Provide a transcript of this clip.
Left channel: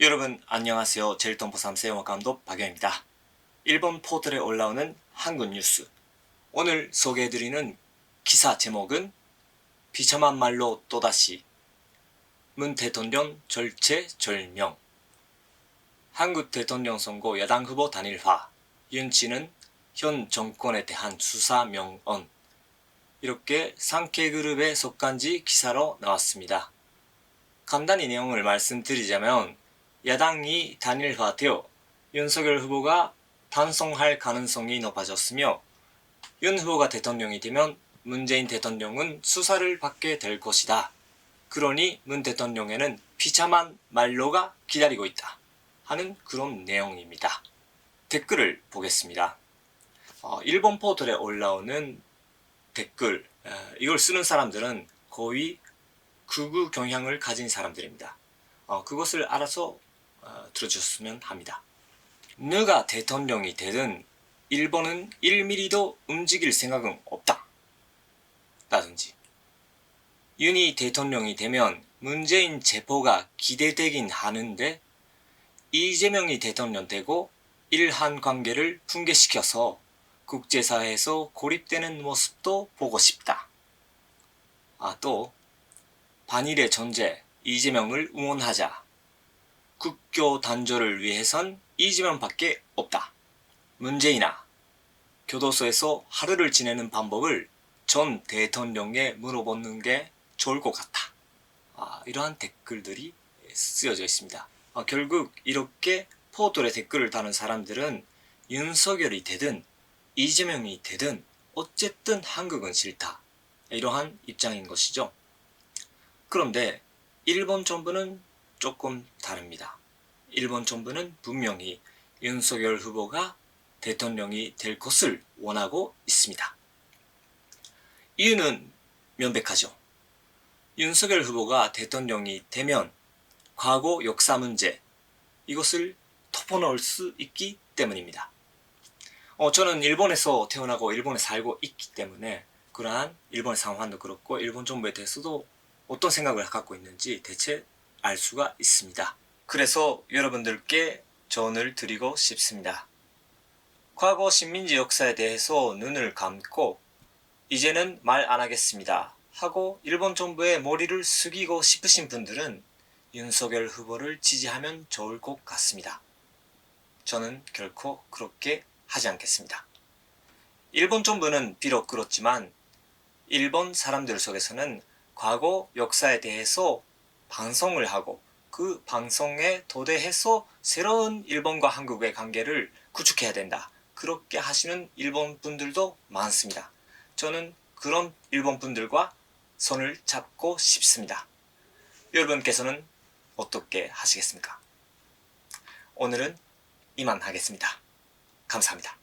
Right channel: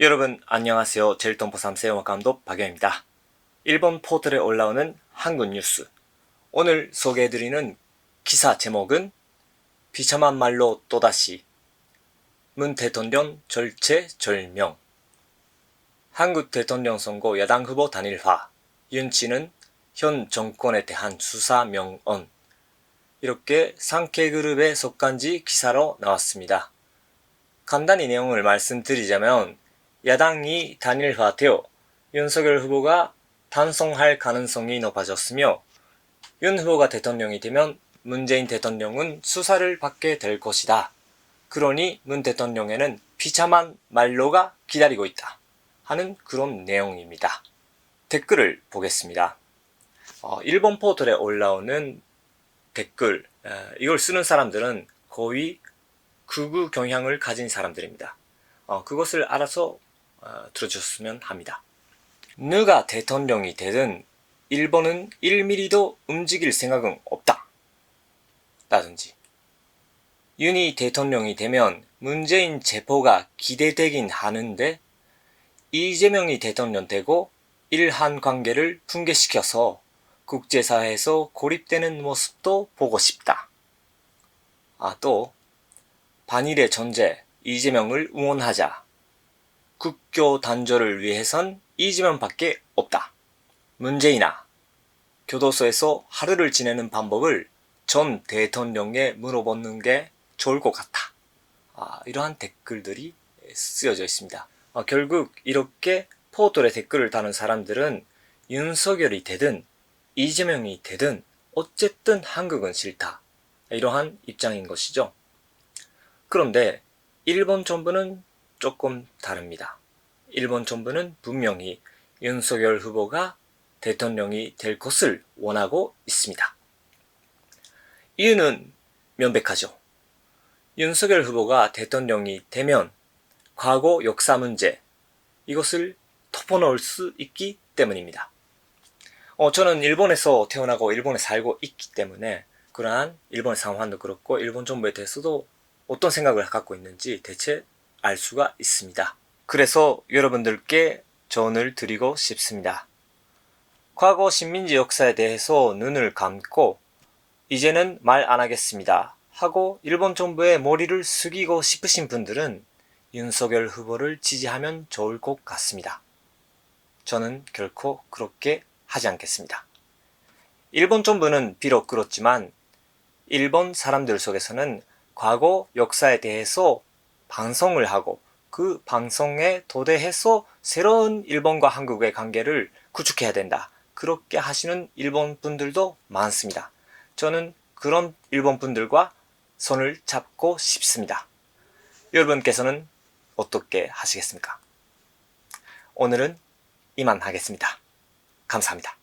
여러분 안녕하세요. 제일동포3세 영화감독 박영입니다. 일본 포털에 올라오는 한국 뉴스, 오늘 소개해드리는 기사 제목은 비참한 말로 또다시 문 대통령 절체절명. 한국 대통령 선거 야당 후보 단일화, 윤씨는 현 정권에 대한 수사 명언, 이렇게 상케그룹에 속한지 기사로 나왔습니다. 간단히 내용을 말씀드리자면 야당이 단일화되어 윤석열 후보가 당선할 가능성이 높아졌으며 윤 후보가 대통령이 되면 문재인 대통령은 수사를 받게 될 것이다. 그러니 문 대통령에는 비참한 말로가 기다리고 있다 하는 그런 내용입니다. 댓글을 보겠습니다. 일본 포털에 올라오는 댓글, 이걸 쓰는 사람들은 거의 극우 경향을 가진 사람들입니다. 그것을 알아서 들어주셨으면 합니다. 누가 대통령이 되든 일본은 1mm도 움직일 생각은 없다 라든지, 윤이 대통령이 되면 문재인 체포가 기대되긴 하는데 이재명이 대통령 되고 일한 관계를 붕괴시켜서 국제사회에서 고립되는 모습도 보고 싶다. 또 반일의 존재 이재명을 응원하자. 국교 단절을 위해선 이재명밖에 없다. 문재인아, 교도소에서 하루를 지내는 방법을 전 대통령에 물어보는 게 좋을 것 같다. 이러한 댓글들이 쓰여져 있습니다. 결국 이렇게 포털에 댓글을 다는 사람들은 윤석열이 되든 이재명이 되든 어쨌든 한국은 싫다, 이러한 입장인 것이죠. 그런데 일본 정부는 조금 다릅니다. 일본 정부는 분명히 윤석열 후보가 대통령이 될 것을 원하고 있습니다. 이유는 명백하죠. 윤석열 후보가 대통령이 되면 과거 역사 문제, 이것을 덮어놓을 수 있기 때문입니다. 저는 일본에서 태어나고 일본에 살고 있기 때문에 그러한 일본의 상황도 그렇고 일본 정부에 대해서도 어떤 생각을 갖고 있는지 대체 알 수가 있습니다. 그래서 여러분들께 조언을 드리고 싶습니다. 과거 식민지 역사에 대해서 눈을 감고 이제는 말 안 하겠습니다 하고 일본 정부에 머리를 숙이고 싶으신 분들은 윤석열 후보를 지지하면 좋을 것 같습니다. 저는 결코 그렇게 하지 않겠습니다. 일본 정부는 비록 그렇지만 일본 사람들 속에서는 과거 역사에 대해서 방송을 하고 그 방송에 도대해서 새로운 일본과 한국의 관계를 구축해야 된다, 그렇게 하시는 일본 분들도 많습니다. 저는 그런 일본 분들과 손을 잡고 싶습니다. 여러분께서는 어떻게 하시겠습니까? 오늘은 이만 하겠습니다. 감사합니다.